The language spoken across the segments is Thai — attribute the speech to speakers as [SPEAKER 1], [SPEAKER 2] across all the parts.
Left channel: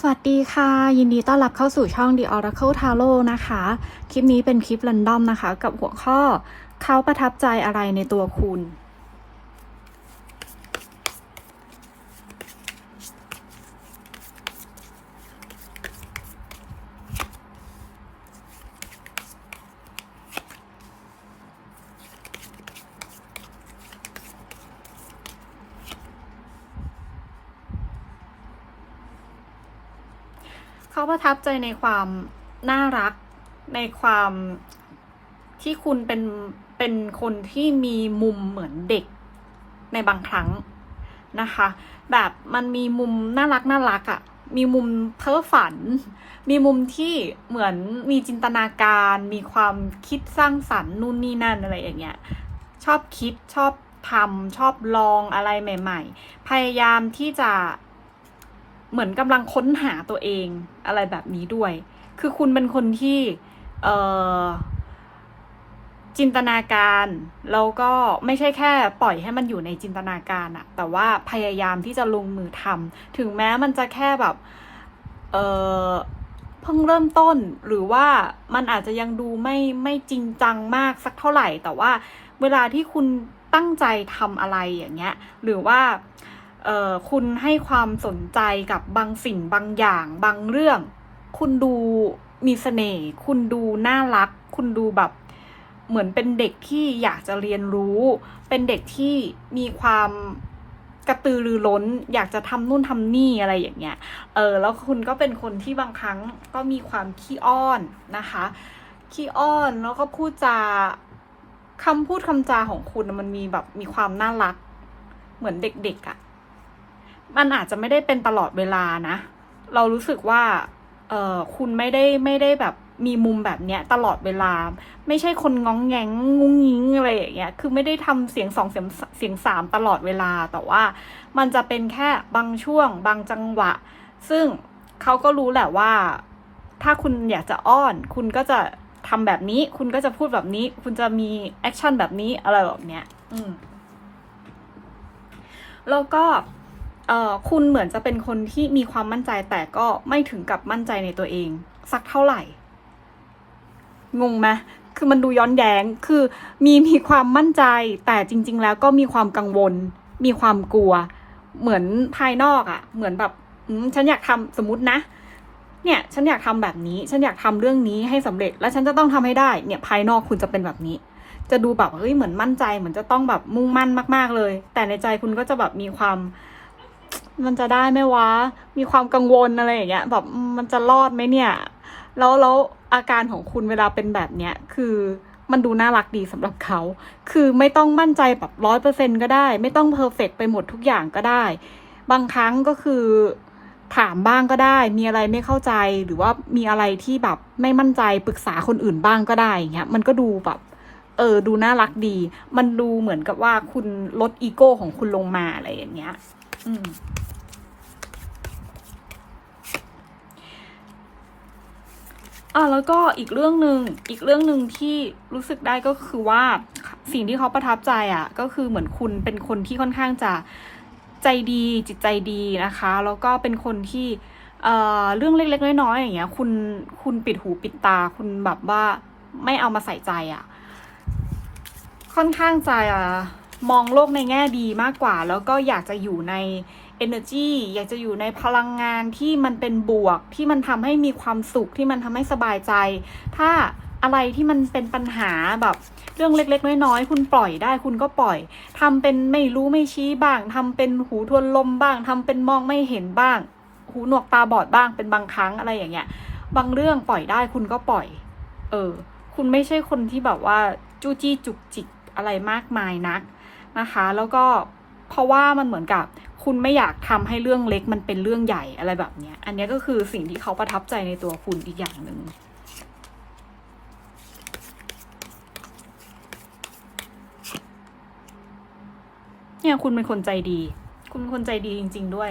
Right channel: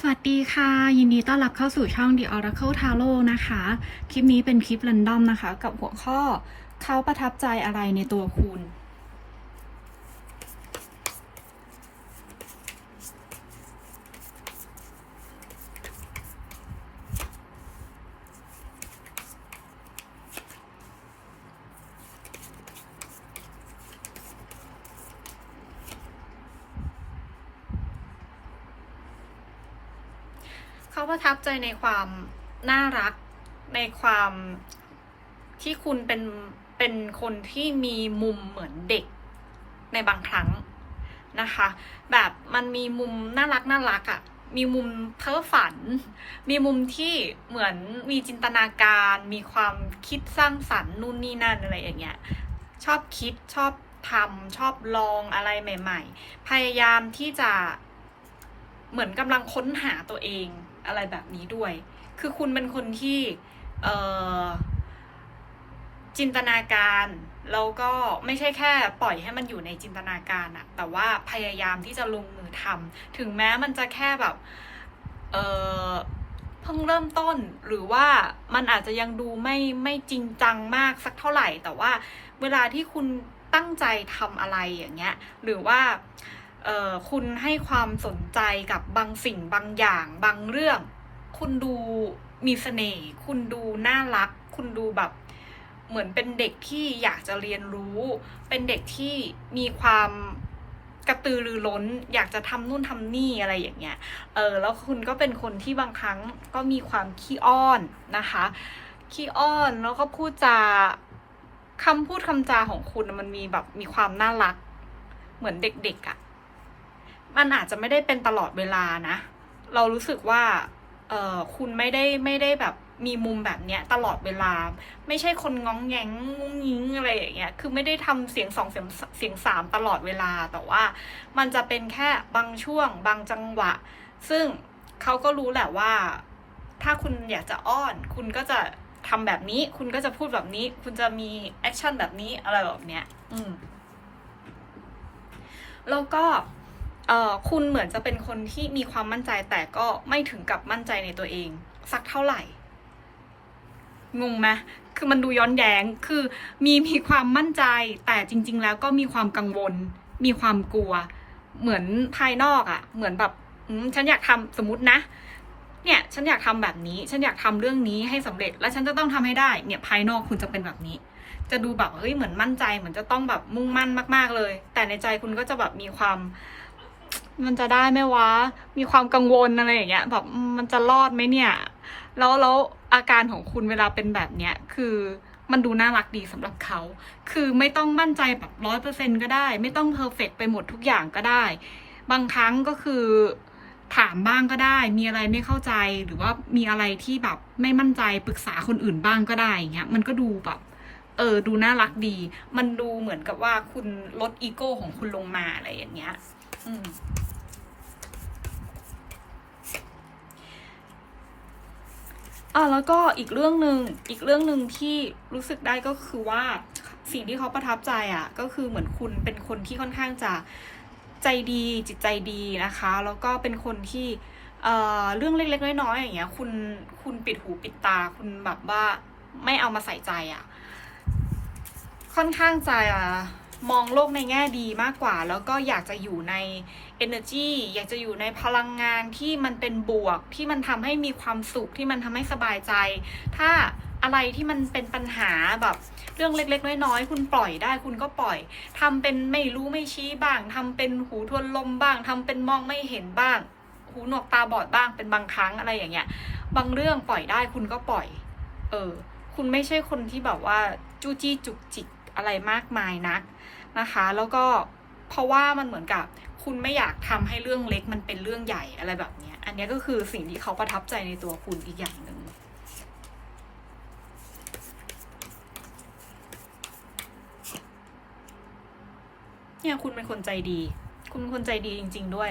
[SPEAKER 1] สวัสดีค่ะ ยินดีต้อนรับเข้าสู่ช่อง The Oracle Tarot นะคะ คลิปนี้เป็นคลิปรันดอมนะคะ กับหัวข้อเขาประทับใจอะไรในตัวคุณ เขาประทับใจในความน่ารักในความที่คุณเป็นเป็นคนที่มีมุมเหมือนเด็กในบางครั้งนะคะ แบบมันมีมุมน่ารักน่ารักอะ่ะมีมุมเพ้อฝัน มีมุมที่เหมือนมีจินตนาการ มีความคิดสร้างสรรค์นู่นนี่นั่นอะไรอย่างเงี้ย ชอบคิดชอบทำชอบลองอะไรใหม่ ๆ พยายามที่จะ เหมือนกำลังค้นหาตัวเองอะไรแบบนี้ด้วย คือคุณเป็นคนที่เออจินตนาการแล้วก็ไม่ใช่แค่ปล่อยให้มันอยู่ในจินตนาการอะแต่ว่าพยายามที่จะลงมือทำถึงแม้มันจะแค่แบบเออเพิ่งเริ่มต้นหรือว่ามันอาจจะยังดูไม่ไม่จริงจังมากสักเท่าไหร่ แต่ว่าเวลาที่คุณตั้งใจทำอะไรอย่างเงี้ย หรือว่า คุณให้ความสนใจกับบางสิ่งบางอย่างบางเรื่อง คุณดูมีเสน่ห์คุณดูน่ารัก คุณดูแบบเหมือนเป็นเด็กที่อยากจะเรียนรู้ เป็นเด็กที่มีความกระตือรือร้น อยากจะทำนู่นทำนี่อะไรอย่างเงี้ย เออ แล้วคุณก็เป็นคนที่บางครั้งก็มีความขี้อ้อนนะคะ ขี้อ้อนแล้วก็พูดจาคำพูดคำจาของคุณมันมีแบบมีความน่ารัก เหมือนเด็กๆอะ่ะ มันอาจจะไม่ได้เป็นตลอดเวลานะ เรารู้สึกว่าเออคุณไม่ได้ไม่ได้แบบมีมุมแบบเนี้ยตลอดเวลา ไม่ใช่คนง้องแงงงุ้งยิงอะไรอย่างเงี้ยคือไม่ได้ทำเสียงสองเสียงเสียงสามตลอดเวลาแต่ว่ามันจะเป็นแค่บางช่วง บางจังหวะ ซึ่งเขาก็รู้แหละว่า ถ้าคุณอยากจะอ้อน คุณก็จะทำแบบนี้ คุณก็จะพูดแบบนี้ คุณจะมีแอคชั่นแบบนี้อะไรแบบเนี้ย อืมแล้วก็ เอ่อคุณเหมือนจะเป็นคนที่มีความมั่นใจแต่ก็ไม่ถึงกับมั่นใจในตัวเอง สักเท่าไหร่ งงไหมคือมันดูย้อนแย้งคือมีมีความมั่นใจ แต่จริง ๆ แล้วก็มีความกังวล มีความกลัว เหมือนภายนอกอะ่ะ เหมือนแบบฉันอยากทำสมมตินะ เนี่ย ฉันอยากทำแบบนี้ ฉันอยากทำเรื่องนี้ให้สำเร็จ และฉันจะต้องทำให้ได้ เนี่ย ภายนอกคุณจะเป็นแบบนี้ จะดูแบบเฮ้ยเหมือนมั่นใจ เหมือนจะต้องแบบมุ่งมั่นมาก ๆเลย แต่ในใจคุณก็จะแบบมีความ มันจะได้ไหมวะ มีความกังวลอะไรอย่างเงี้ย แบบมันจะรอดไหมเนี่ย แล้วแล้วอาการของคุณเวลาเป็นแบบเนี้ย คือมันดูน่ารักดีสำหรับเขา คือไม่ต้องมั่นใจแบบร้อยเปอร์เซ็นก็ได้ ไม่ต้องเพอร์เฟกไปหมดทุกอย่างก็ได้ บางครั้งก็คือถามบ้างก็ได้ มีอะไรไม่เข้าใจ หรือว่ามีอะไรที่แบบไม่มั่นใจปรึกษาคนอื่นบ้างก็ได้อย่างเงี้ย มันก็ดูแบบเออ ดูน่ารักดี มันดูเหมือนกับว่าคุณลดอีโก้ของคุณลงมาอะไรอย่างเงี้ย อืม อะแล้วก็อีกเรื่องหนึ่งอีกเรื่องหนึ่งที่รู้สึกได้ก็คือว่าสิ่งที่เขาประทับใจอะก็คือเหมือนคุณเป็นคนที่ค่อนข้างจะใจดีจิตใจดีนะคะ แล้วก็เป็นคนที่เอ่อเรื่องเล็กๆน้อยๆอย่างเงี้ยคุณคุณปิดหูปิดตา คุณแบบว่าไม่เอามาใส่ใจอะ ค่อนข้างจะมองโลกในแง่ดีมากกว่า แล้วก็อยากจะอยู่ใน energy อยากจะอยู่ในพลังงานที่มันเป็นบวกที่มันทำให้มีความสุขที่มันทำให้สบายใจ ถ้าอะไรที่มันเป็นปัญหาแบบเรื่องเล็ก ๆ น้อยๆคุณปล่อยได้คุณก็ปล่อยทำเป็นไม่รู้ไม่ชี้บ้างทำเป็นหูทวนลมบ้างทำเป็นมองไม่เห็นบ้าง หูหนวกตาบอดบ้างเป็นบางครั้งอะไรอย่างเงี้ย บางเรื่องปล่อยได้คุณก็ปล่อย เออ คุณไม่ใช่คนที่แบบว่าจู้จี้จุกจิกอะไรมากมายนักนะคะ แล้วก็เพราะว่ามันเหมือนกับ คุณไม่อยากทำให้เรื่องเล็กมันเป็นเรื่องใหญ่อะไรแบบเนี้ยอันนี้ก็คือสิ่งที่เขาประทับใจในตัวคุณอีกอย่างหนึ่งเนี่ยคุณเป็นคนใจดี คุณเป็นคนใจดีจริง ๆ ด้วย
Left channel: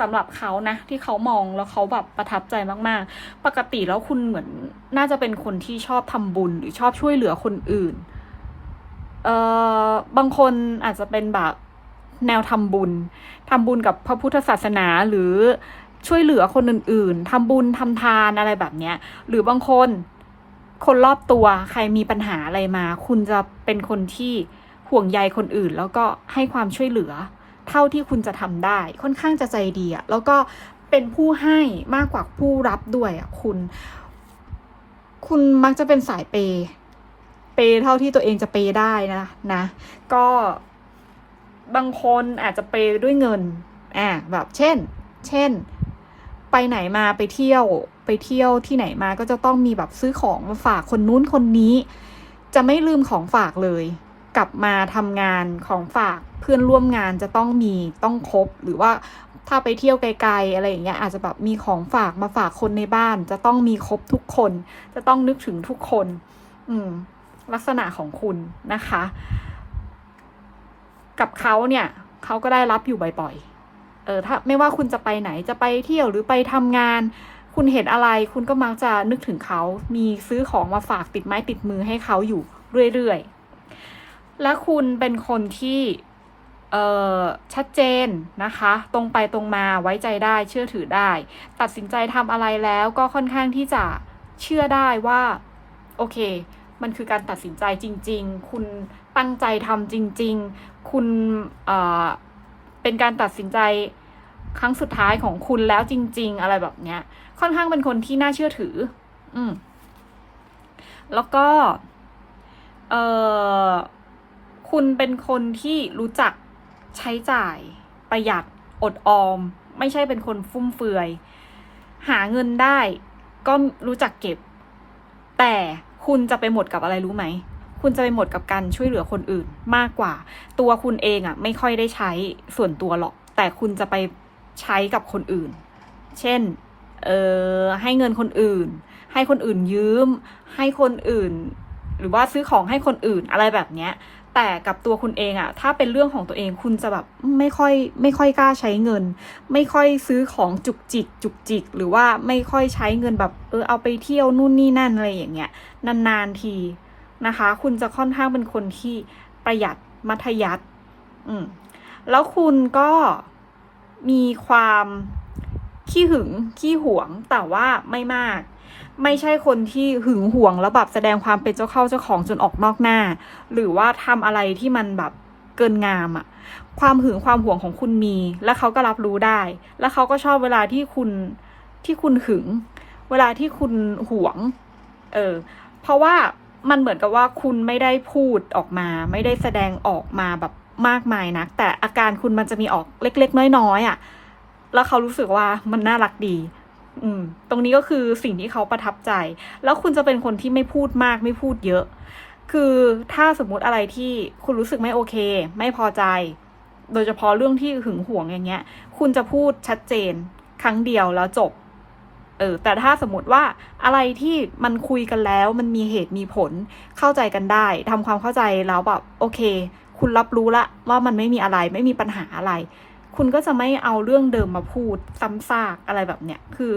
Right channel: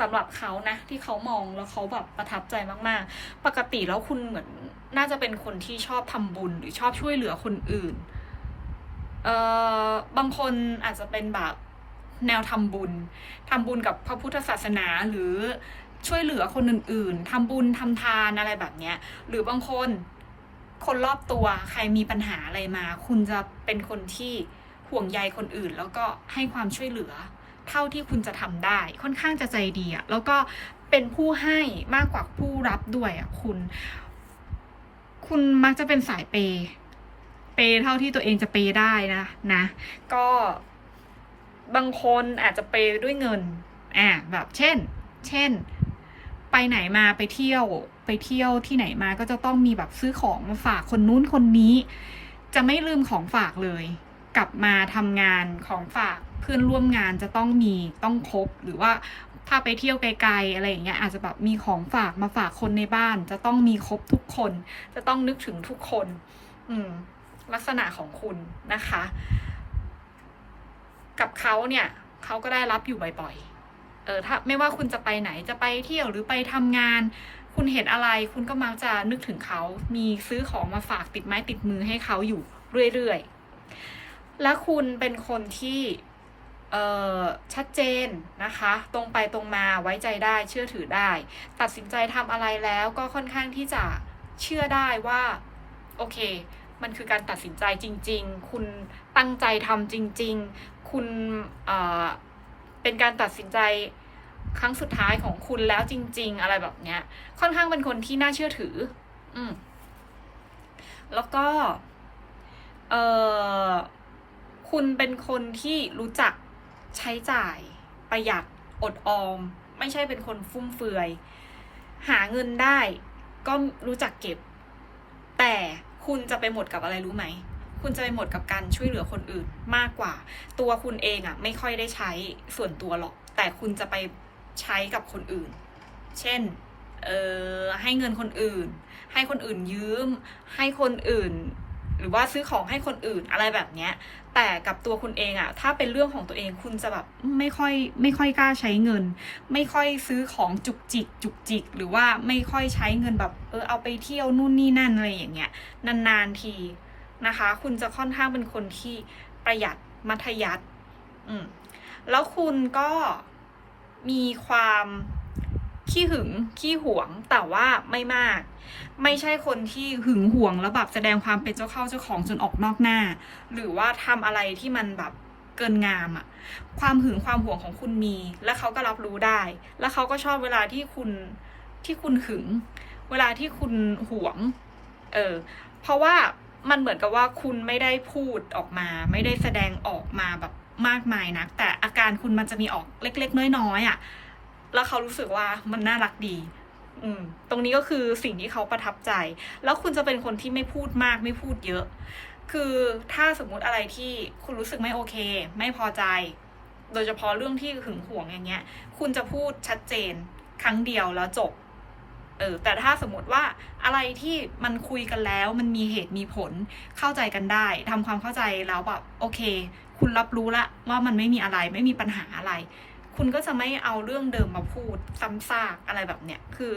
[SPEAKER 1] สำหรับเขานะที่เขามองแล้วเขาแบบประทับใจมากๆ ปกติแล้วคุณเหมือนน่าจะเป็นคนที่ชอบทำบุญหรือชอบช่วยเหลือคนอื่น เอ่อบางคนอาจจะเป็นแบบแนวทำบุญ ทำบุญกับพระพุทธศาสนาหรือช่วยเหลือคนอื่น ๆทำบุญทำทานอะไรแบบเนี้ย หรือบางคนคนรอบตัวใครมีปัญหาอะไรมา คุณจะเป็นคนที่ห่วงใยคนอื่น แล้วก็ให้ความช่วยเหลือ เท่าที่คุณจะทำได้ ค่อนข้างจะใจดีอะแล้วก็เป็นผู้ให้มากกว่าผู้รับด้วยอะคุณ คุณมักจะเป็นสายเปย์เปย์เท่าที่ตัวเองจะเปย์ได้นะนะ ก็ บางคนอาจจะเปด้วยเงิน อ่า แบบเช่น เช่น ไปไหนมาไปเที่ยว ไปเที่ยวที่ไหนมาก็จะต้องมีแบบซื้อของมาฝากคนนู้นคนนี้ จะไม่ลืมของฝากเลย กลับมาทำงานของฝากเพื่อนร่วมงานจะต้องมีต้องครบหรือว่าถ้าไปเที่ยวไกลๆอะไรอย่างเงี้ยอาจจะแบบมีของฝากมาฝากคนในบ้าน จะต้องมีครบทุกคน จะต้องนึกถึงทุกคน อืม ลักษณะของคุณนะคะ กับเขาเนี่ยเขาก็ได้รับอยู่บ่อยๆเออถ้าไม่ว่าคุณจะไปไหนจะไปเที่ยวหรือไปทำงาน คุณเห็นอะไรคุณก็มักจะนึกถึงเขา มีซื้อของมาฝากติดไม้ติดมือให้เขาอยู่เรื่อยๆ และคุณเป็นคนที่เออชัดเจนนะคะ ตรงไปตรงมาไว้ใจได้เชื่อถือได้ ตัดสินใจทำอะไรแล้วก็ค่อนข้างที่จะเชื่อได้ว่า โอเค มันคือการตัดสินใจจริง ๆ คุณตั้งใจทำจริง ๆ คุณเอ่อเป็นการตัดสินใจครั้งสุดท้ายของคุณแล้วจริง ๆ อะไรแบบเนี้ย ค่อนข้างเป็นคนที่น่าเชื่อถือ อืม แล้วก็ เออคุณเป็นคนที่รู้จักใช้จ่าย ประหยัดอดออม ไม่ใช่เป็นคนฟุ่มเฟือย หาเงินได้ ก็รู้จักเก็บ แต่คุณจะไปหมดกับอะไรรู้ไหม คุณจะไปหมดกับการช่วยเหลือคนอื่นมากกว่า ตัวคุณเองอะ่ะไม่ค่อยได้ใช้ส่วนตัวหรอก แต่คุณจะไปใช้กับคนอื่น เช่น เออให้เงินคนอื่น ให้คนอื่นยืม ให้คนอื่น หรือว่าซื้อของให้คนอื่นอะไรแบบเนี้ยแต่กับตัวคุณเองอะถ้าเป็นเรื่องของตัวเองคุณจะแบบไม่ค่อยไม่ค่อยกล้าใช้เงิน ไม่ค่อยซื้อของจุกจิกจุกจิก หรือว่าไม่ค่อยใช้เงินแบบเออเอาไปเที่ยวนู่นนี่นั่นอะไรอย่างเงี้ยนานๆที นะคะ คุณจะค่อนข้างเป็นคนที่ประหยัดมัธยัติอืมแล้วคุณก็มีความขี้หึงขี้หวงแต่ว่าไม่มาก ไม่ใช่คนที่หึงหวงแล้วแบบแสดงความเป็นเจ้าเข้าเจ้าของจนออกนอกหน้า หรือว่าทำอะไรที่มันแบบเกินงามอะความหึงความหวงของคุณมี และเขาก็รับรู้ได้ แล้วเขาก็ชอบเวลาที่คุณที่คุณหึง เวลาที่คุณหวง เออ เพราะว่า มันเหมือนกับว่าคุณไม่ได้พูดออกมา ไม่ได้แสดงออกมาแบบมากมายนะแต่อาการคุณมันจะมีออกเล็ก ๆ น้อยๆอะ่ะ แล้วเขารู้สึกว่ามันน่ารักดี อืม ตรงนี้ก็คือสิ่งที่เขาประทับใจ แล้วคุณจะเป็นคนที่ไม่พูดมากไม่พูดเยอะ คือถ้าสมมุติอะไรที่คุณรู้สึกไม่โอเค ไม่พอใจ โดยเฉพาะเรื่องที่หึงหวงอย่างเงี้ย คุณจะพูดชัดเจน ครั้งเดียวแล้วจบ เออแต่ถ้าสมมติว่าอะไรที่มันคุยกันแล้วมันมีเหตุมีผลเข้าใจกันได้ทำความเข้าใจแล้วแบบโอเค คุณรับรู้ละว่ามันไม่มีอะไรไม่มีปัญหาอะไร คุณก็จะไม่เอาเรื่องเดิมมาพูดซ้ำซากอะไรแบบเนี้ยคือ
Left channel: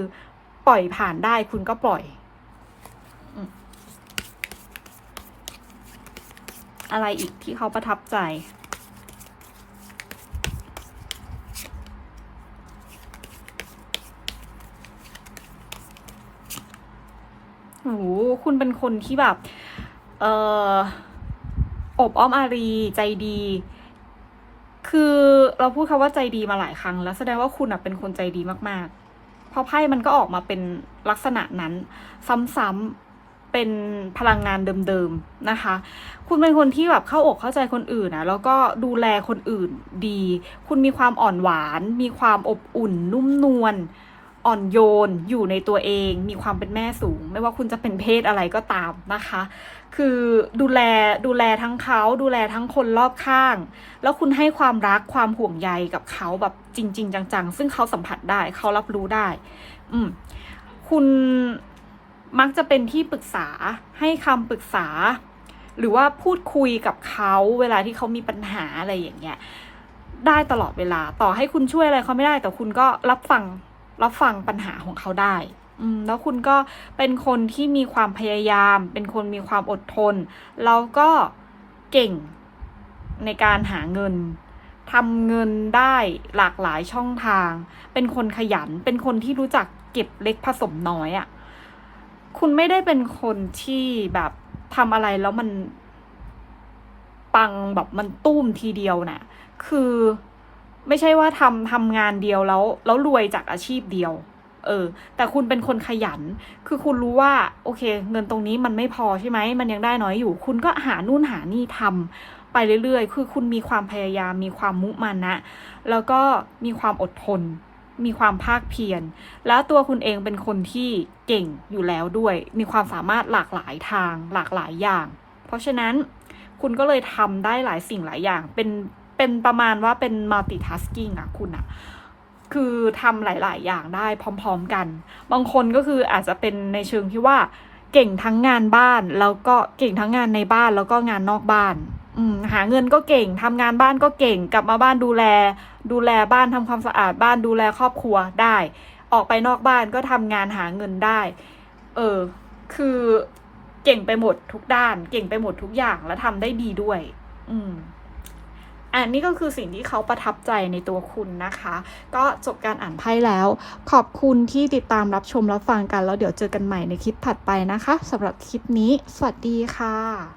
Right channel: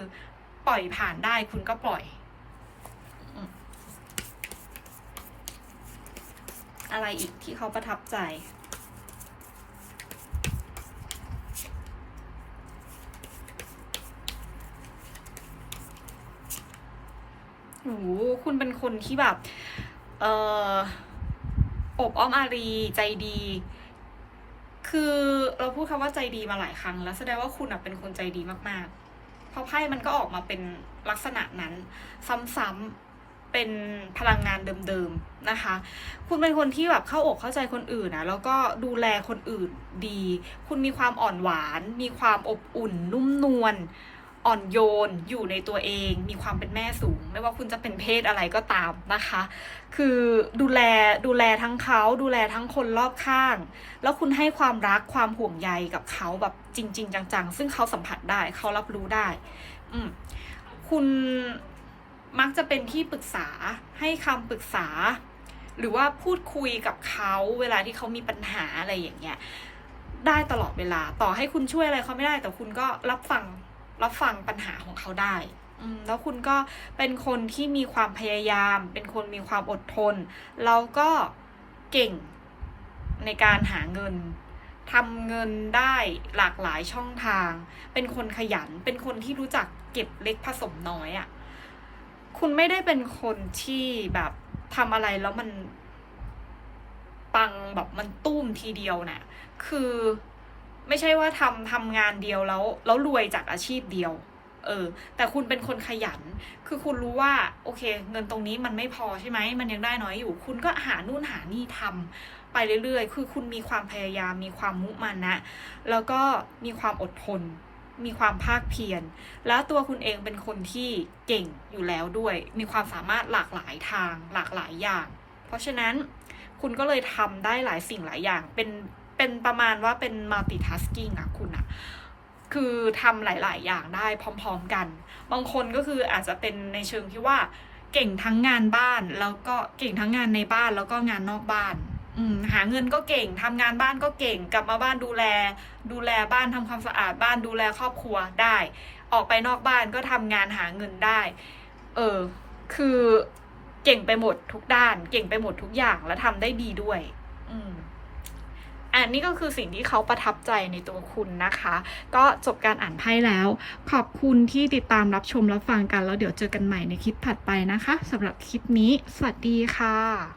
[SPEAKER 1] ปล่อยผ่านได้คุณก็ปล่อยอืมอะไรอีกที่เขาประทับใจ โหคุณเป็นคนที่แบบ เอออบอ้อมอารีใจดี คือเราพูดคำว่าใจดีมาหลายครั้ง แล้วแสดงว่าคุณเป็นคนใจดีมากๆ เพราะไพ่มันก็ออกมาเป็นลักษณะนั้น ซ้ำๆเป็นพลังงานเดิมๆนะคะ คุณเป็นคนที่แบบเข้าอกเข้าใจคนอื่นนะแล้วก็ดูแลคนอื่นดี คุณมีความอ่อนหวาน มีความอบอุ่น นุ่มนวล อ่อนโยนอยู่ในตัวเอง มีความเป็นแม่สูง ไม่ว่าคุณจะเป็นเพศอะไรก็ตามนะคะ คือดูแลดูแลทั้งเขาดูแลทั้งคนรอบข้าง แล้วคุณให้ความรักความห่วงใยกับเขาแบบจริง ๆ จังๆ ซึ่งเขาสัมผัสได้เขารับรู้ได้ อืมคุณมักจะเป็นที่ปรึกษาให้คำปรึกษา หรือว่าพูดคุยกับเขาเวลาที่เขามีปัญหาอะไรอย่างเงี้ยได้ตลอดเวลาต่อให้คุณช่วยอะไรเขาไม่ได้แต่คุณก็รับฟัง รับฟังปัญหาของเขาได้อืมแล้วคุณก็เป็นคนที่มีความพยายาม เป็นคนมีความอดทน แล้วก็เก่งในการหาเงินทำเงินได้หลากหลายช่องทาง เป็นคนขยัน เป็นคนที่รู้จักเก็บเล็กผสมน้อยอะ่ะ คุณไม่ได้เป็นคนที่แบบทำอะไรแล้วมันปังแบบมันตุ้มทีเดียวนะ่ะ คือ ไม่ใช่ว่าทำทำงานเดียวแล้วแล้วรวยจากอาชีพเดียว เออ แต่คุณเป็นคนขยัน คือคุณรู้ว่า โอเค เงินตรงนี้มันไม่พอใช่ไหมมันยังได้น้อยอยู่ คุณก็หานู่นหานี่ทำไปเรื่อยๆ คือคุณมีความพยายาม มีความมุมานะ แล้วก็มีความอดทน มีความภาคเพียร แล้วตัวคุณเองเป็นคนที่เก่งอยู่แล้วด้วย มีความสามารถหลากหลายทาง หลากหลายอย่าง เพราะฉะนั้นคุณก็เลยทำได้หลายสิ่งหลายอย่าง เป็น เป็นประมาณว่าเป็น multitasking อะคุณอะคือทำหลาย ๆ อย่างได้พร้อม ๆ กัน บางคนก็คืออาจจะเป็นในเชิงที่ว่าเก่งทั้งงานบ้าน แล้วก็เก่งทั้งงานในบ้านแล้วก็งานนอกบ้านหาเงินก็เก่งทำงานบ้านก็เก่งกลับมาบ้านดูแล ดูแลบ้านทำความสะอาดบ้านดูแลครอบครัวได้ ออกไปนอกบ้านก็ทำงานหาเงินได้ เออ คือเก่งไปหมดทุกด้าน เก่งไปหมดทุกอย่างแล้วทำได้ดีด้วย อืม อันนี้ก็คือสิ่งที่เขาประทับใจในตัวคุณนะคะ ก็จบการอ่านไพ่แล้ว ขอบคุณที่ติดตามรับชมรับฟังกัน แล้วเดี๋ยวเจอกันใหม่ในคลิปถัดไปนะคะสำหรับคลิปนี้ สวัสดีค่ะ